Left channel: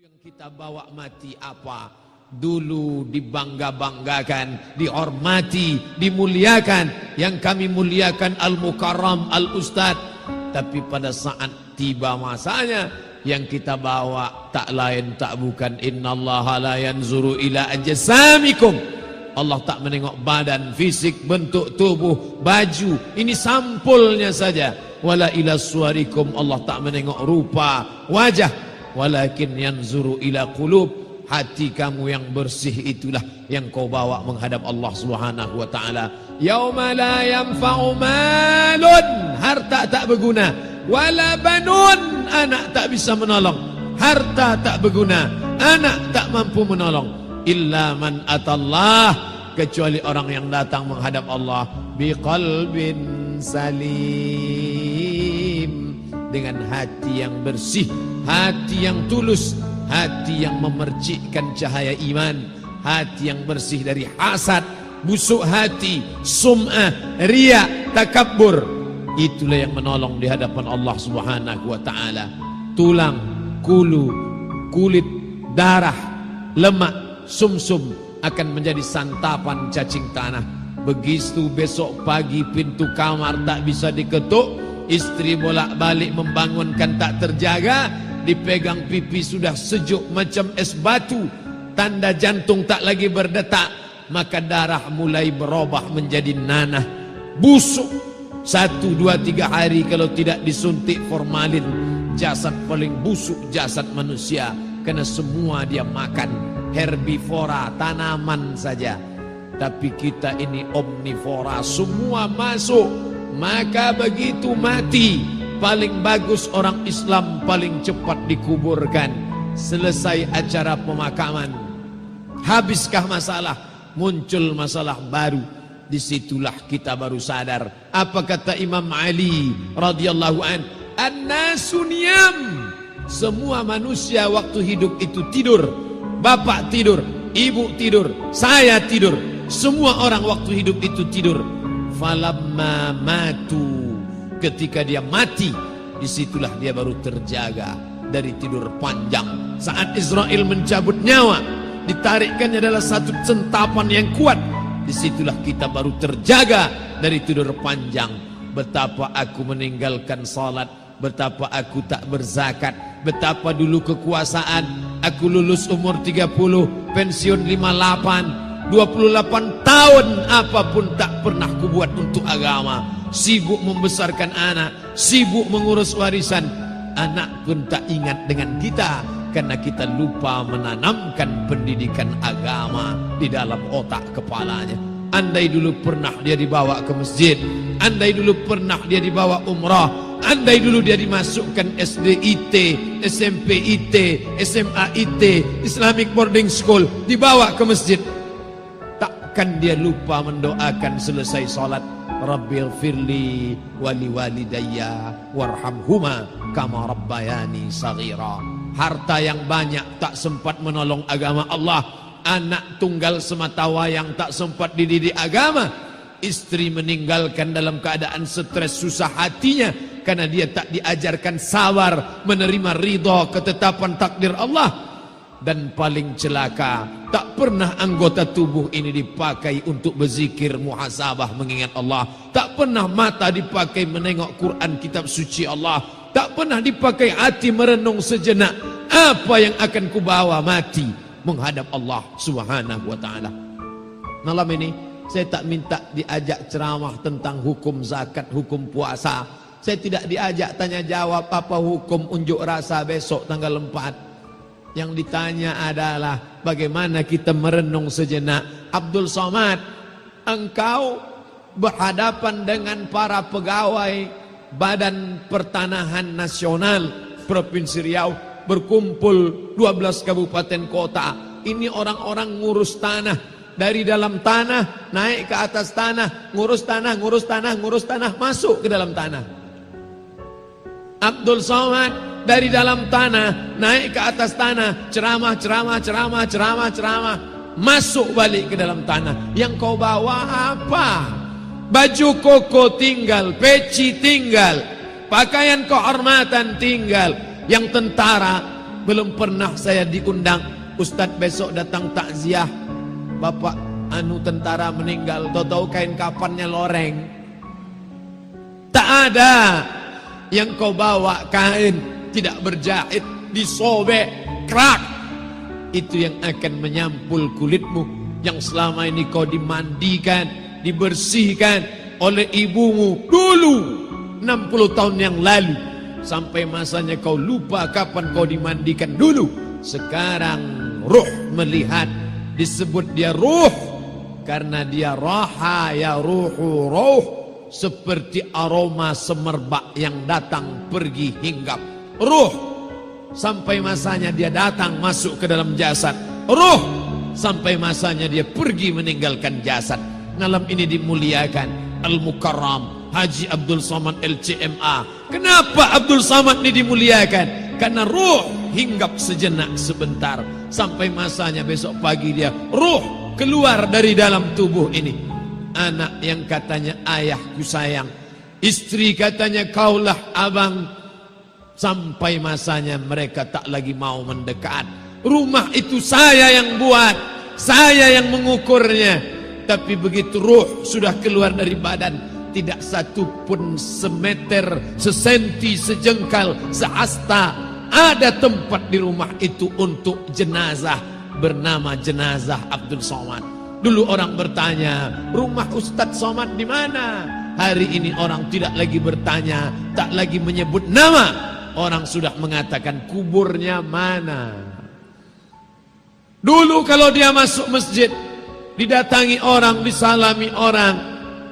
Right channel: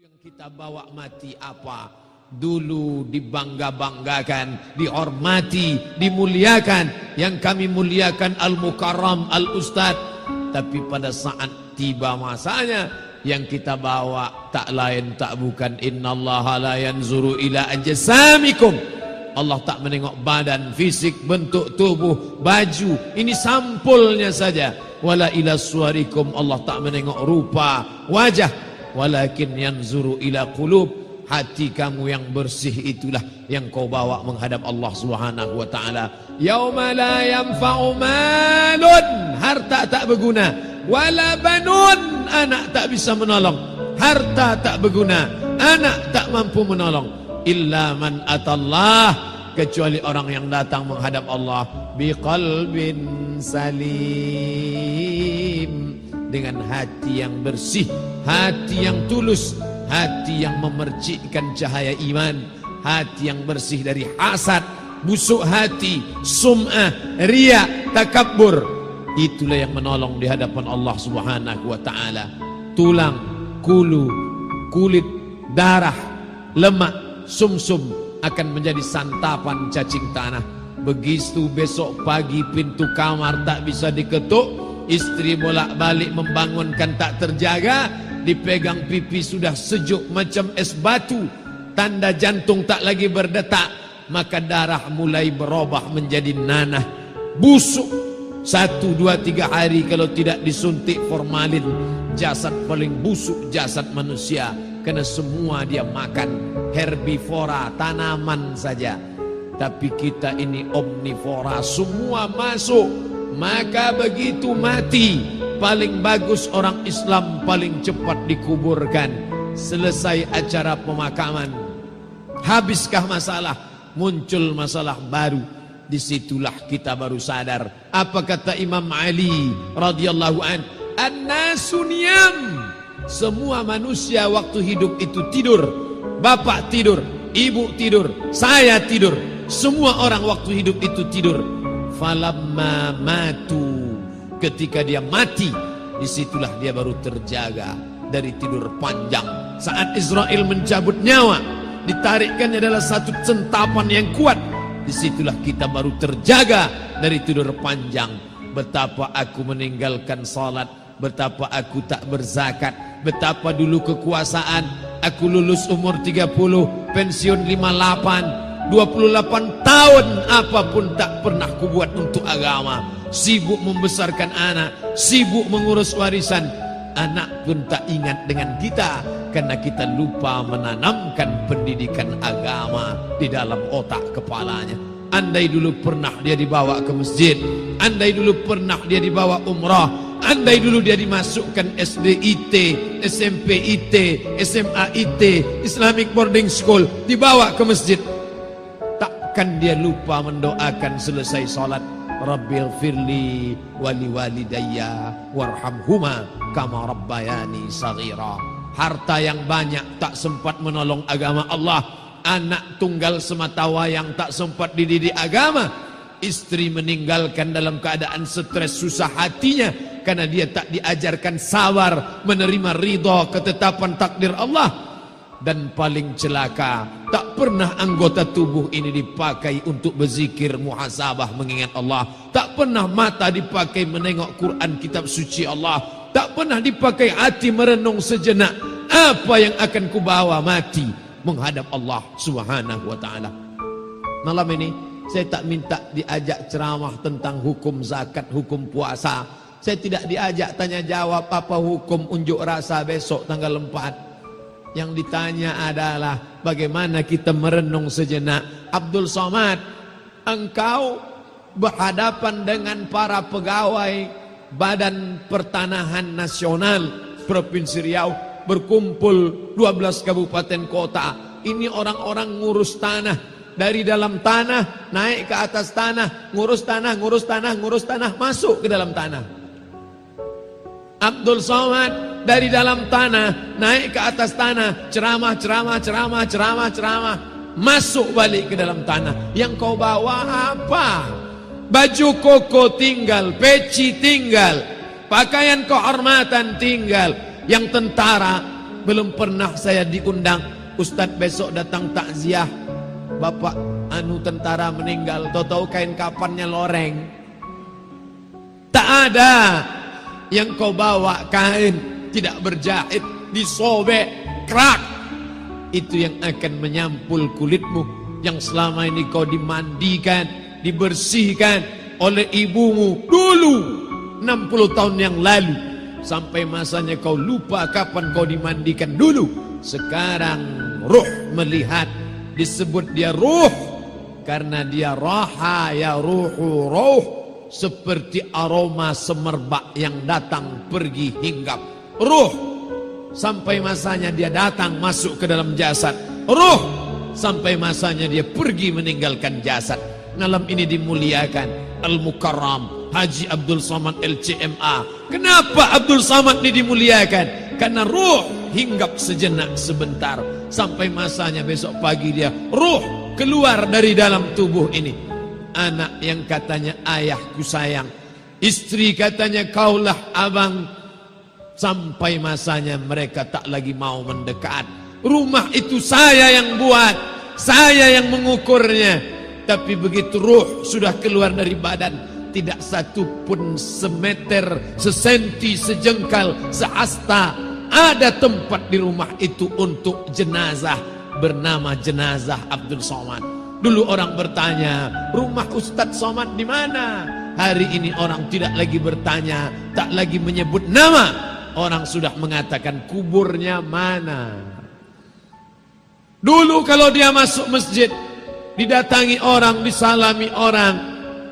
Yang kita bawa mati apa? Dulu dibangga-banggakan, dihormati, dimuliakan. Yang kami muliakan Al-Mukarram, Al-Ustad. Tapi pada saat tiba masanya, yang kita bawa tak lain tak bukan innallaha la yanzuru ila ajsamikum. Allah tak menengok badan, fisik, bentuk tubuh, baju. Ini sampulnya saja. Wala ila suwarikum. Allah tak menengok rupa, wajah. Walakin yanzuru ila qulub. Hati kamu yang bersih itulah yang kau bawa menghadap Allah Subhanahu wa taala. Yauma la yanfa'u malun, harta tak berguna, wala banun, anak tak bisa menolong. Harta tak berguna, anak tak mampu menolong. Illa man atallah, kecuali orang yang datang menghadap Allah biqalbin salim, dengan hati yang bersih, hati yang tulus, hati yang memercikkan cahaya iman, hati yang bersih dari hasad, busuk hati, sum'ah, riya, takabbur. Itulah yang menolong di hadapan Allah Subhanahu wa taala. Tulang, kulu, kulit, darah, lemak, sumsum akan menjadi santapan cacing tanah. Begitu besok pagi pintu kamar tak bisa diketuk, istri bolak-balik membangunkan tak terjaga, dipegang pipi sudah sejuk macam es batu, tanda jantung tak lagi berdetak, maka darah mulai berubah menjadi nanah, busuk. 1, 2, 3 hari kalau tidak disuntik formalin, jasad paling busuk jasad manusia, karena semua dia makan herbivora, tanaman saja. Tapi kita ini omnivora, semua masuk. Maka begitu mati, paling bagus orang Islam paling cepat dikuburkan. Selesai acara pemakaman, habiskah masalah, muncul masalah baru. Disitulah kita baru sadar. Apa kata Imam Ali radhiyallahu an? An-nasu niyam. Semua manusia waktu hidup itu tidur. Bapak tidur, ibu tidur, saya tidur. Semua orang waktu hidup itu tidur. Falamma matu, ketika dia mati, disitulah dia baru terjaga dari tidur panjang. Saat Israel mencabut nyawa, ditarikkannya adalah satu centapan yang kuat. Disitulah kita baru terjaga dari tidur panjang. Betapa aku meninggalkan salat, betapa aku tak berzakat, betapa dulu kekuasaan. Aku lulus umur 30, pensiun 58, 28 tahun apapun tak pernah kubuat untuk agama. Sibuk membesarkan anak, sibuk mengurus warisan. Anak pun tak ingat dengan kita, karena kita lupa menanamkan pendidikan agama di dalam otak kepalanya. Andai dulu pernah dia dibawa ke masjid, andai dulu pernah dia dibawa umrah, andai dulu dia dimasukkan SD IT, SMP IT, SMA IT, Islamic Boarding School, dibawa ke masjid, takkan dia lupa mendoakan selesai salat, Rabbil firli wali walidayya warhamhuma kama rabbayani saghira. Harta yang banyak tak sempat menolong agama Allah. Anak tunggal semata wayang tak sempat dididik agama. Istri meninggalkan dalam keadaan stres susah hatinya, karena dia tak diajarkan sabar menerima ridha ketetapan takdir Allah. Dan paling celaka, tak pernah anggota tubuh ini dipakai untuk berzikir, muhasabah, mengingat Allah. Tak pernah mata dipakai menengok Quran, kitab suci Allah. Tak pernah dipakai hati merenung sejenak, apa yang akan kubawa mati menghadap Allah Subhanahu wa taala. Malam ini saya tak minta diajak ceramah tentang hukum zakat, hukum puasa. Saya tidak diajak tanya jawab apa hukum unjuk rasa besok tanggal 4. Yang ditanya adalah bagaimana kita merenung sejenak. Abdul Somad, engkau berhadapan dengan para pegawai Badan Pertanahan Nasional Provinsi Riau, berkumpul 12 kabupaten kota. Ini orang-orang ngurus tanah, dari dalam tanah naik ke atas tanah, ngurus tanah, ngurus tanah, ngurus tanah, masuk ke dalam tanah. Abdul Somad dari dalam tanah naik ke atas tanah, ceramah, ceramah, ceramah, ceramah, ceramah, masuk balik ke dalam tanah. Yang kau bawa apa? Baju koko tinggal, peci tinggal, pakaian kehormatan tinggal. Yang tentara belum pernah saya diundang. Ustadz besok datang takziah, bapak tentara meninggal, tahu-tahu kain kafannya loreng. Tak ada yang kau bawa kain tidak berjahit, disobek, kerak. Itu yang akan menyampul kulitmu, yang selama ini kau dimandikan, dibersihkan oleh ibumu dulu 60 tahun yang lalu. Sampai masanya kau lupa kapan kau dimandikan dulu. Sekarang ruh melihat, disebut dia ruh karena dia raha ya ruhu ruh, seperti aroma semerbak yang datang pergi hinggap. Ruh sampai masanya dia datang masuk ke dalam jasad. Ruh sampai masanya dia pergi meninggalkan jasad. Malam ini dimuliakan Al-Mukarram Haji Abdul Somad LCMA. Kenapa Abdul Somad ini dimuliakan? Karena ruh hinggap sejenak sebentar, sampai masanya besok pagi dia ruh keluar dari dalam tubuh ini. Anak yang katanya ayahku sayang, istri katanya kaulah abang, sampai masanya mereka tak lagi mau mendekat. Rumah itu saya yang buat, saya yang mengukurnya. Tapi begitu ruh sudah keluar dari badan, tidak satu pun semeter, sesenti, sejengkal, sehasta ada tempat di rumah itu untuk jenazah bernama jenazah Abdul Somad. Dulu orang bertanya, rumah Ustadz Somad di mana? Hari ini orang tidak lagi bertanya, tak lagi menyebut nama. Orang sudah mengatakan kuburnya mana. Dulu kalau dia masuk masjid, didatangi orang, disalami orang,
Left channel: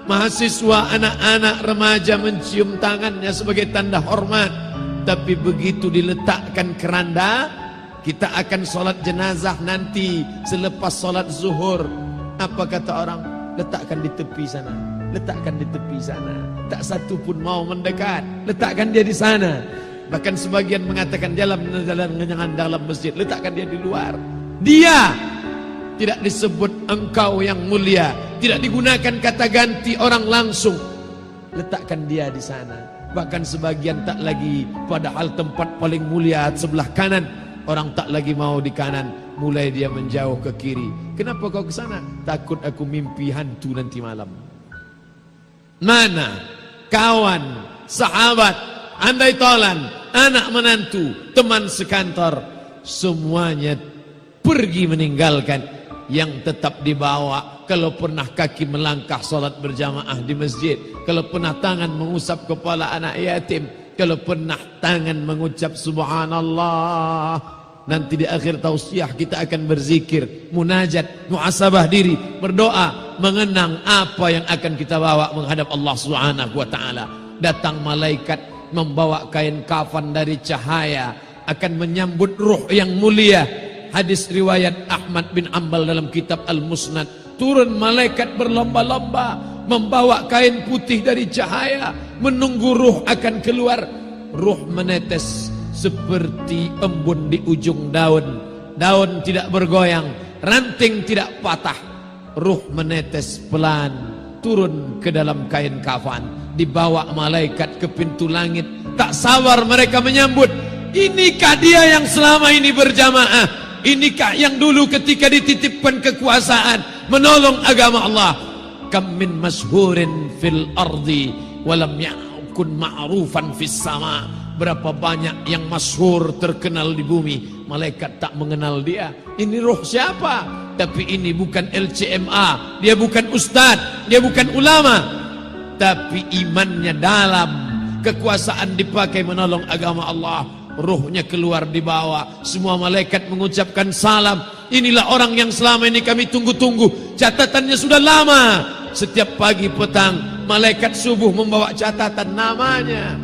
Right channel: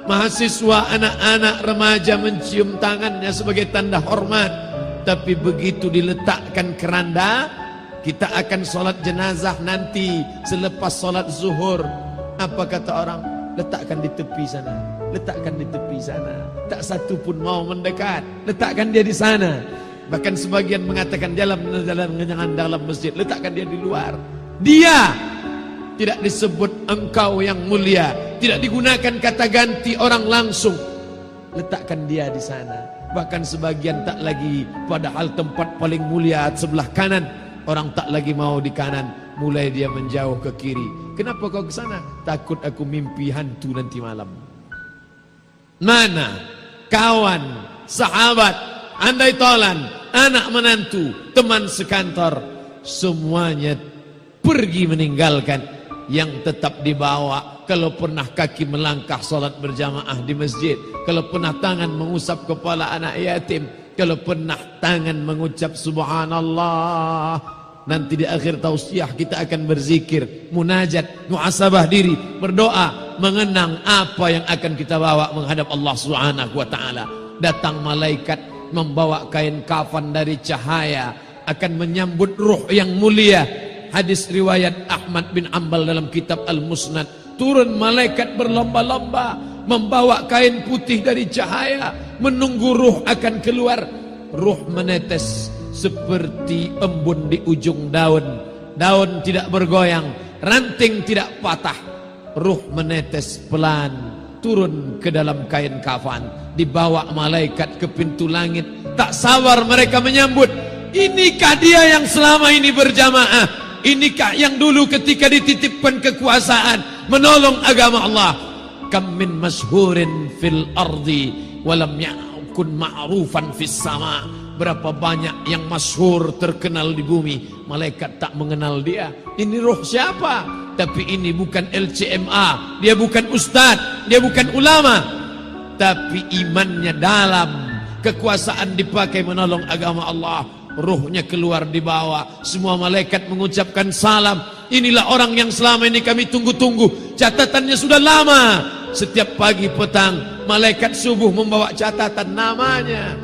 mahasiswa, anak-anak, remaja mencium tangannya sebagai tanda hormat. Tapi begitu diletakkan keranda, kita akan sholat jenazah nanti selepas sholat zuhur. Apa kata orang? Letakkan di tepi sana, letakkan di tepi sana. Tak satu pun mau mendekat, letakkan dia di sana. Bahkan sebagian mengatakan jangan dalam masjid, letakkan dia di luar. Dia tidak disebut engkau yang mulia, tidak digunakan kata ganti orang langsung. Letakkan dia di sana. Bahkan sebagian tak lagi, padahal tempat paling mulia sebelah kanan, orang tak lagi mau di kanan, mulai dia menjauh ke kiri. Kenapa kau ke sana? Takut aku mimpi hantu nanti malam. Mana kawan, sahabat, andai tolan, anak menantu, teman sekantor, semuanya pergi meninggalkan. Yang tetap dibawa, kalau pernah kaki melangkah sholat berjamaah di masjid, kalau pernah tangan mengusap kepala anak yatim, kalau pernah tangan mengucap subhanallah. Nanti di akhir tausiah kita akan berzikir, munajat, muhasabah diri, berdoa, mengenang apa yang akan kita bawa menghadap Allah Subhanahu wa taala. Datang malaikat membawa kain kafan dari cahaya, akan menyambut ruh yang mulia. Hadis riwayat Ahmad bin Ambal dalam kitab Al-Musnad, turun malaikat berlomba-lomba membawa kain putih dari cahaya, menunggu ruh akan keluar. Ruh menetes seperti embun di ujung daun. Daun tidak bergoyang, ranting tidak patah. Ruh menetes pelan turun ke dalam kain kafan, dibawa malaikat ke pintu langit. Tak sabar mereka menyambut. Inikah dia yang selama ini berjamaah? Inikah yang dulu ketika dititipkan kekuasaan menolong agama Allah? Kam min masyhurin fil ardi walam yakun ma'rufan fis sama. Berapa banyak yang masyhur terkenal di bumi, malaikat tak mengenal dia. Ini roh siapa? Tapi ini bukan LCMA, dia bukan ustadz, dia bukan ulama, tapi imannya dalam. Kekuasaan dipakai menolong agama Allah. Ruhnya keluar di bawah, semua malaikat mengucapkan salam. Inilah orang yang selama ini kami tunggu-tunggu. Catatannya sudah lama. Setiap pagi petang, malaikat subuh membawa catatan namanya,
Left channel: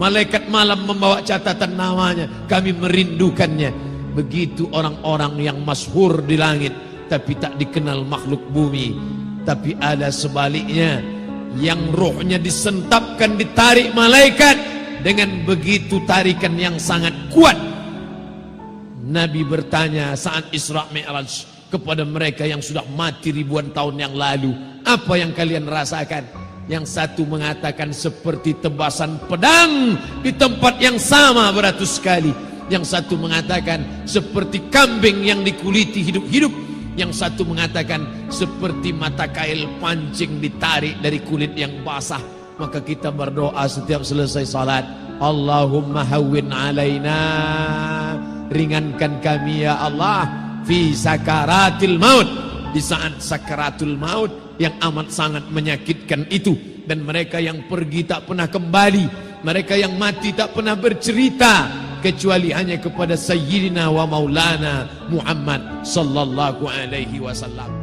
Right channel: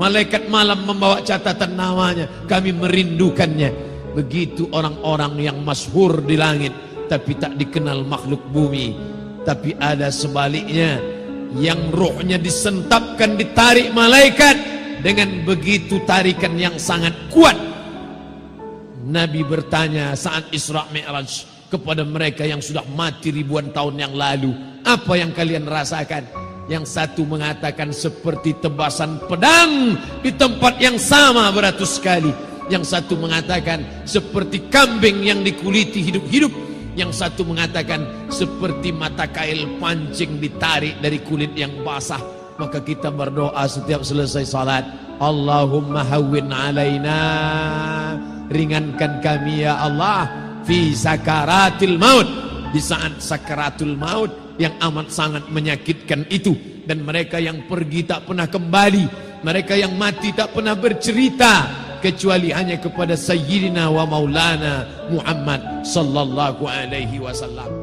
malaikat malam membawa catatan namanya. Kami merindukannya. Begitu orang-orang yang masyhur di langit, tapi tak dikenal makhluk bumi. Tapi ada sebaliknya, yang rohnya disentapkan, ditarik malaikat dengan begitu tarikan yang sangat kuat. Nabi bertanya saat Isra Mi'raj kepada mereka yang sudah mati ribuan tahun yang lalu, apa yang kalian rasakan? Yang satu mengatakan seperti tebasan pedang di tempat yang sama beratus kali. yang satu mengatakan seperti kambing yang dikuliti hidup-hidup, yang satu mengatakan seperti mata kail pancing ditarik dari kulit yang basah. Maka kita berdoa setiap selesai salat, Allahumma hawwin alaina, ringankan kami ya Allah, fi sakaratil maut, di saat sakaratul maut yang amat sangat menyakitkan itu. Dan mereka yang pergi tak pernah kembali, mereka yang mati tak pernah bercerita kecuali hanya kepada Sayyidina wa Maulana Muhammad sallallahu alaihi wasallam.